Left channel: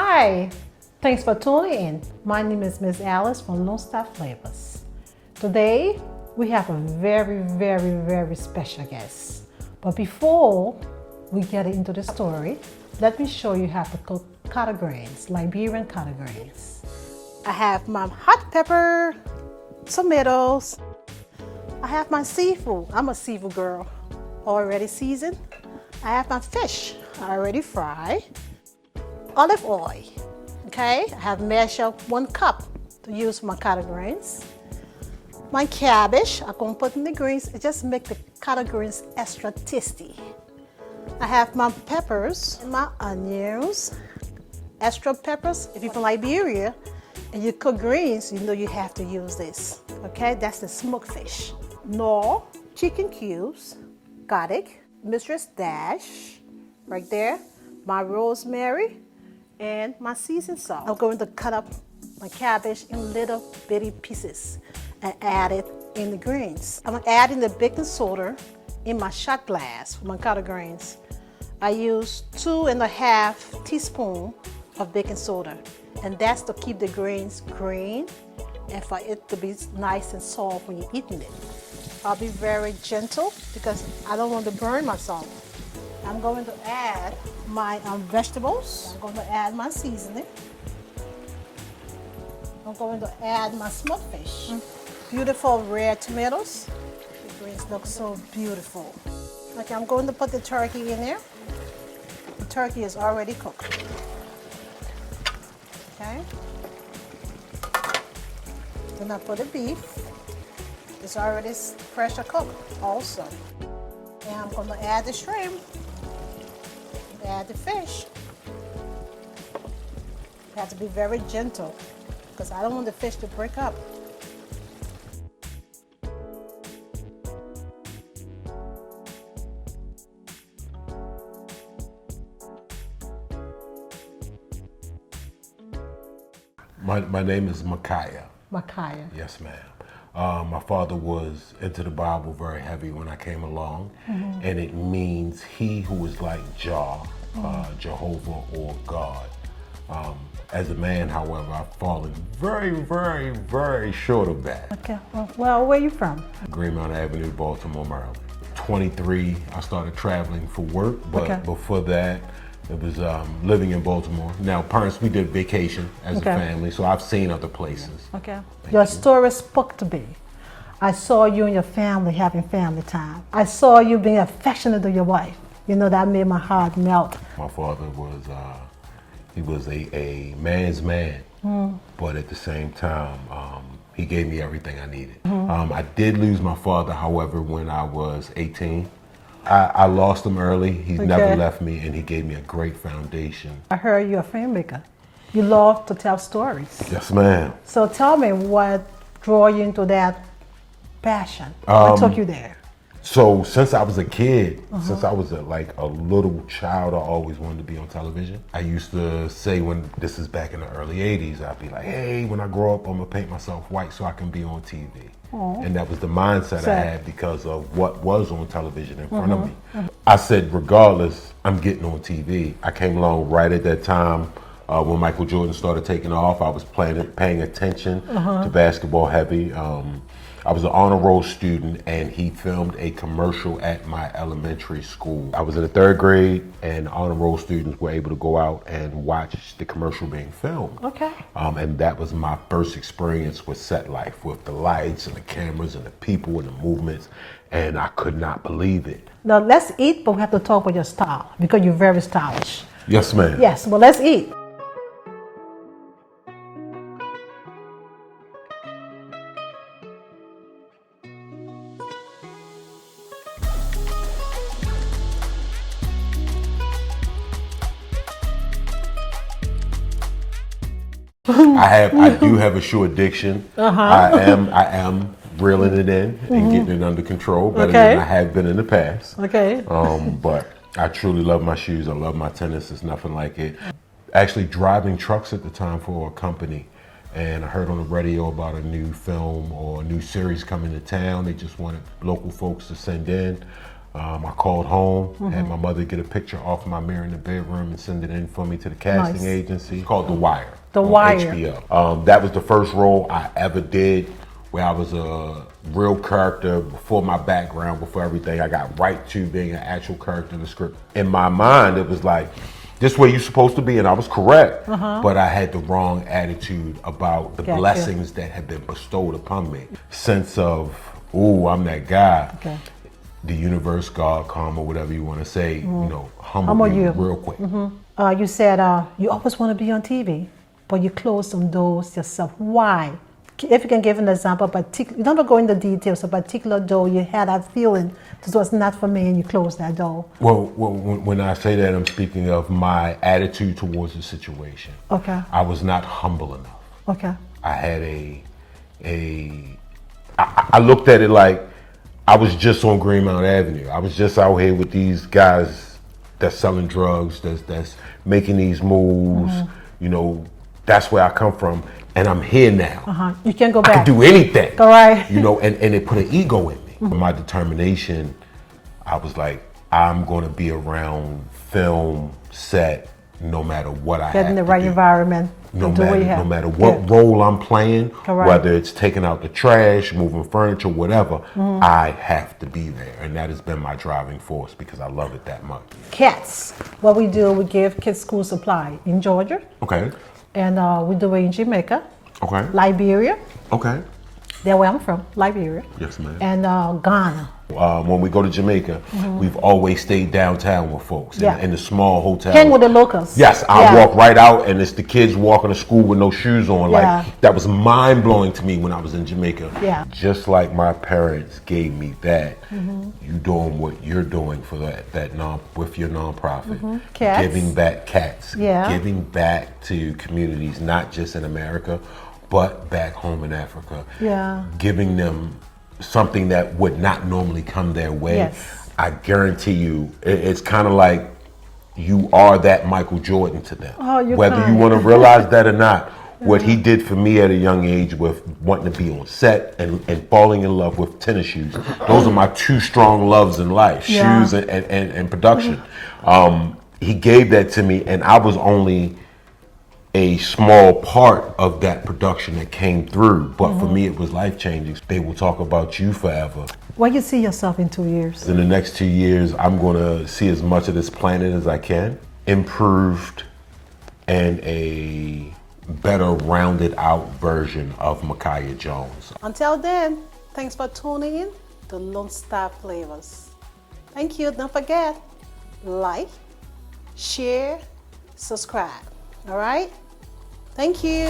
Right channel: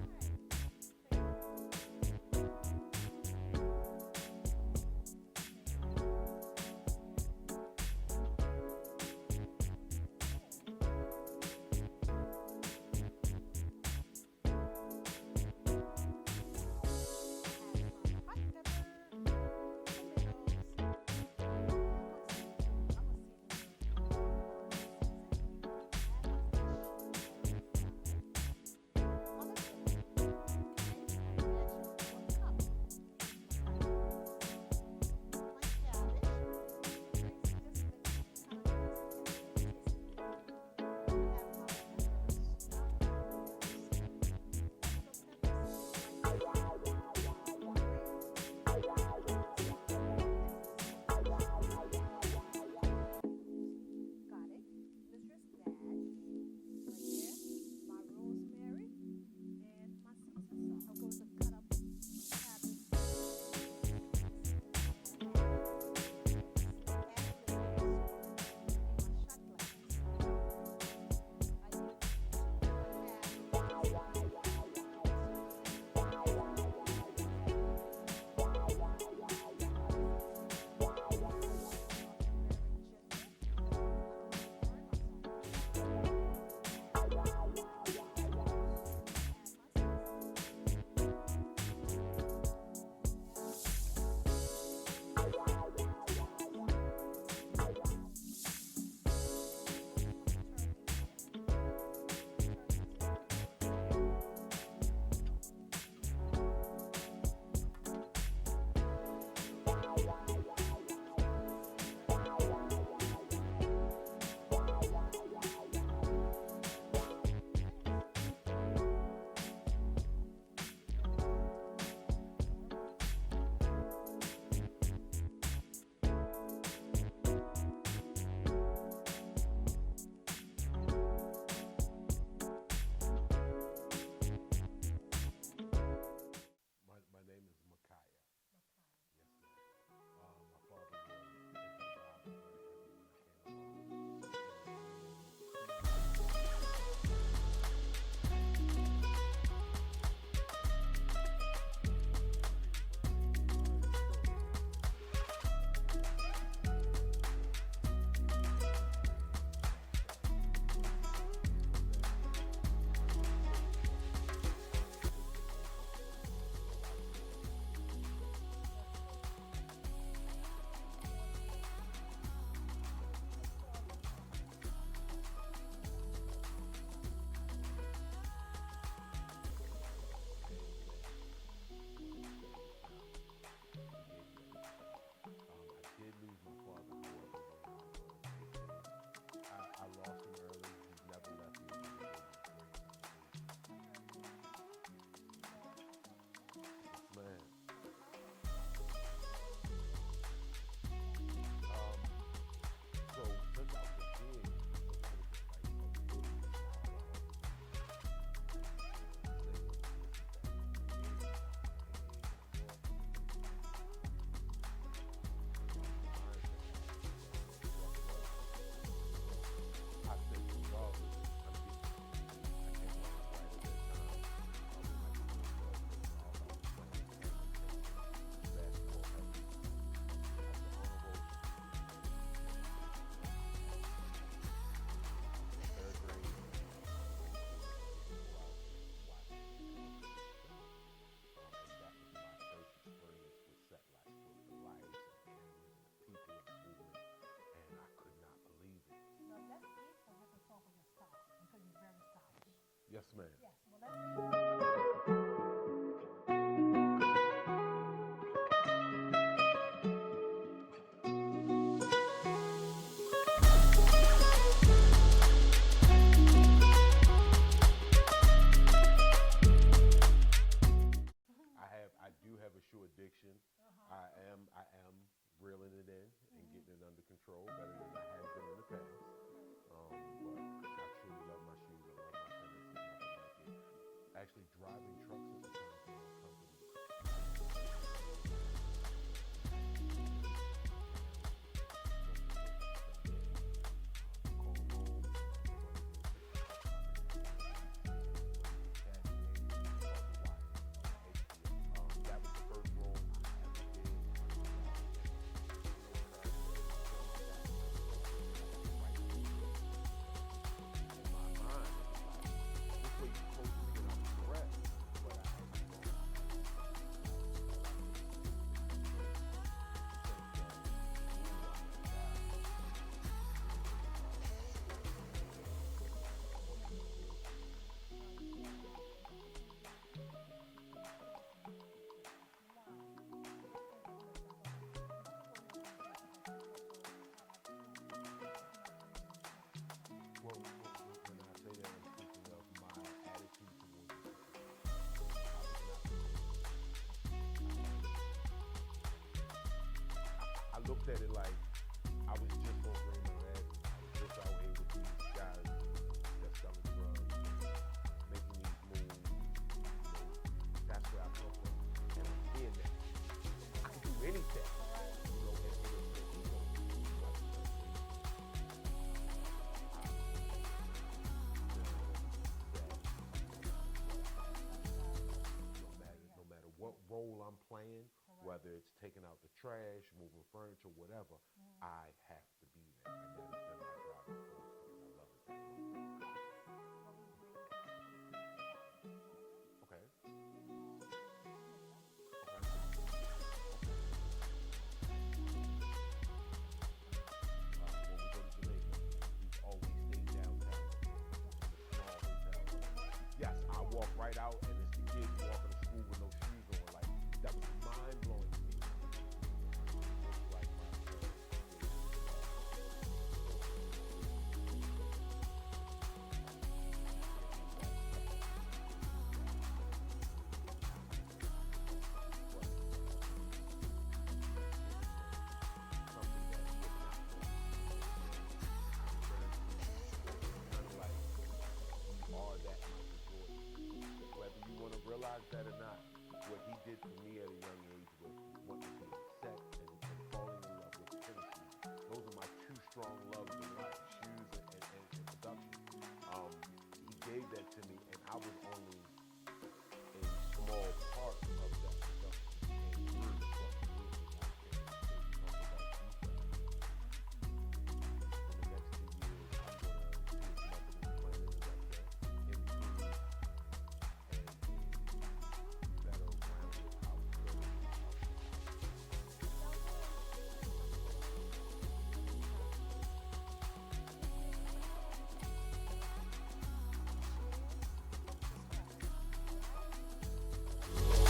Hi, thanks for tuning in. My name is Miss Alice from LoneStar Flavors. Today, we have a very special guest. But before we get into the story, let me show you how to cook collard greens, Liberian collard greens. I have my hot pepper, tomatoes. I have my seafood. I'm a seafood girl, already seasoned. I have my fish, already fried. Olive oil, okay? I have measured up 1 cup to use for my collard greens. My cabbage, I'm gonna put in the greens. It just make the collard greens extra tasty. I have my peppers, my onions, extra peppers. If you're from Liberia and you cook greens, you know you have to use this, okay? That's the smoked fish. Knorr, chicken cubes, garlic, mistress dash, right there, my rosemary, and my seasoned salt. I'm going to cut up my cabbage in little bitty pieces and add it in the greens. I'm adding the baking soda in my shot glass for my collard greens. I use 2.5 teaspoons of baking soda, and that's to keep the greens green and for it to be nice and soft when you're eating it. I'll be very gentle because I don't want to burn myself. I'm going to add my vegetables. I'm going to add my seasoning. I'm going to add my smoked fish. Beautiful red tomatoes. The greens look so beautiful. Okay, I'm going to put the turkey in there. The turkey is already cooked. Okay. Then I put the beef. It's already pressure cooked also. And I'm going to add the shrimp. Add the fish. You have to be very gentle because I don't want the fish to break up. My name is Micaiah. Micaiah. Yes, ma'am. My father was into the Bible very heavy when I came along, and it means he who is like Jah, Jehovah, or God. As a man, however, I've fallen very short of that. Okay. Well, where are you from? Greenmount Avenue, Baltimore, Maryland. 23, I started traveling for work, but before that, it was living in Baltimore. Now, parents, we did vacation as a family, so I've seen other places. Okay. Your story spoke to me. I saw you and your family having family time. I saw you being affectionate to your wife. You know, that made my heart melt. My father was, he was a man's man, but at the same time, he gave me everything I needed. I did lose my father, however, when I was 18. I lost him early. He's never left me, and he gave me a great foundation. I heard you're a filmmaker. You love to tell stories. Yes, ma'am. So tell me what drew you into that passion? What took you there? So since I was a kid, since I was like a little child, I always wanted to be on television. I used to say, when this is back in the early 80s, I'd be like, hey, when I grow up, I'm gonna paint myself white so I can be on TV. And that was the mindset I had because of what was on television in front of me. I said, regardless, I'm getting on TV. I came along right at that time when Michael Jordan started taking off. I was paying attention to basketball heavy. I was an honor roll student, and he filmed a commercial at my elementary school. I was in the 3rd grade, and honor roll students were able to go out and watch the commercial being filmed. Okay. And that was my first experience with set life, with the lights and the cameras and the people and the movements, and I could not believe it. Now let's eat, but we have to talk about your style because you're very stylish. Yes, ma'am. Yes, well, let's eat. I do have a shoe addiction. I am reeling it in and getting it under control better than I have been in the past. Okay. But I truly love my shoes. I love my tennis. It's nothing like it. Actually driving trucks at the time for a company, and I heard on the radio about a new film or a new series coming to town. They just wanted local folks to send in. I called home, had my mother get a picture off my mirror in the bedroom and send it in for me to the casting agency. It's called The Wire. The on Wire. HBO. That was the first role I ever did where I was a real character before my background, before everything. I got right to being an actual character in the script. In my mind, it was like, this way you're supposed to be, and I was correct, but I had the wrong attitude about the blessings that had been bestowed upon me. Sense of, ooh, I'm that guy. Okay. The universe, God, karma, whatever you want to say, you know, humble you real quick. You said you always want to be on TV, but you closed some doors yourself. Why? If you can give an example, you don't go into details, a particular door you had that feeling this was not for me and you closed that door. Well, when I say that, I'm speaking of my attitude towards the situation. Okay. I was not humble enough. Okay. I had I looked at it like I was just on Greenmount Avenue. I was just out here with these guys that's selling drugs, that's making these moves. You know, that's where I come from, and I'm here now. You can't go back. I can do anything. All right. You know, and it put an ego in me. My determination, I was like, I'm going to be around film, set, no matter what I have to do. Get in the right environment. No matter what role I'm playing, whether it's taking out the trash, moving furniture, whatever, I have to be there. And that has been my driving force because I love it that much. Cats. What we do, we give kids school supply in Georgia. Okay. And we do it in Jamaica. Okay. Liberia. Okay. That's where I'm from, Liberia. Yes, ma'am. And Ghana. When we go to Jamaica, we've always stayed downtown with folks in the small hotel. Hang with the locals. Yes, I walk right out and it's the kids walking to school with no shoes on. Like that was mind blowing to me when I was in Jamaica. Yeah. Just like my parents gave me that, you doing what you're doing for with your nonprofit. Cats. Giving back cats. Yeah. Giving back to communities, not just in America, but back home in Africa. Yeah. Giving them something that would not normally come their way. Yes. I guarantee you, it's kind of like you are that Michael Jordan to them. Oh, you're Whether kind. you want to realize that or not, what he did for me at a young age with wanting to be on set and falling in love with tennis shoes. Those are my two strong loves in life, shoes and production. He gave that to me and I was only a small part of that production that came through, but for me it was life-changing. They will talk about you forever. Where you see yourself in 2 years? In the next 2 years, I'm gonna see as much of this planet as I can, improved and a better rounded out version of Micaiah Jones. Until then, thanks for tuning in to LoneStar Flavors. Thank you. Don't forget, like, share, subscribe. All right? Thank you.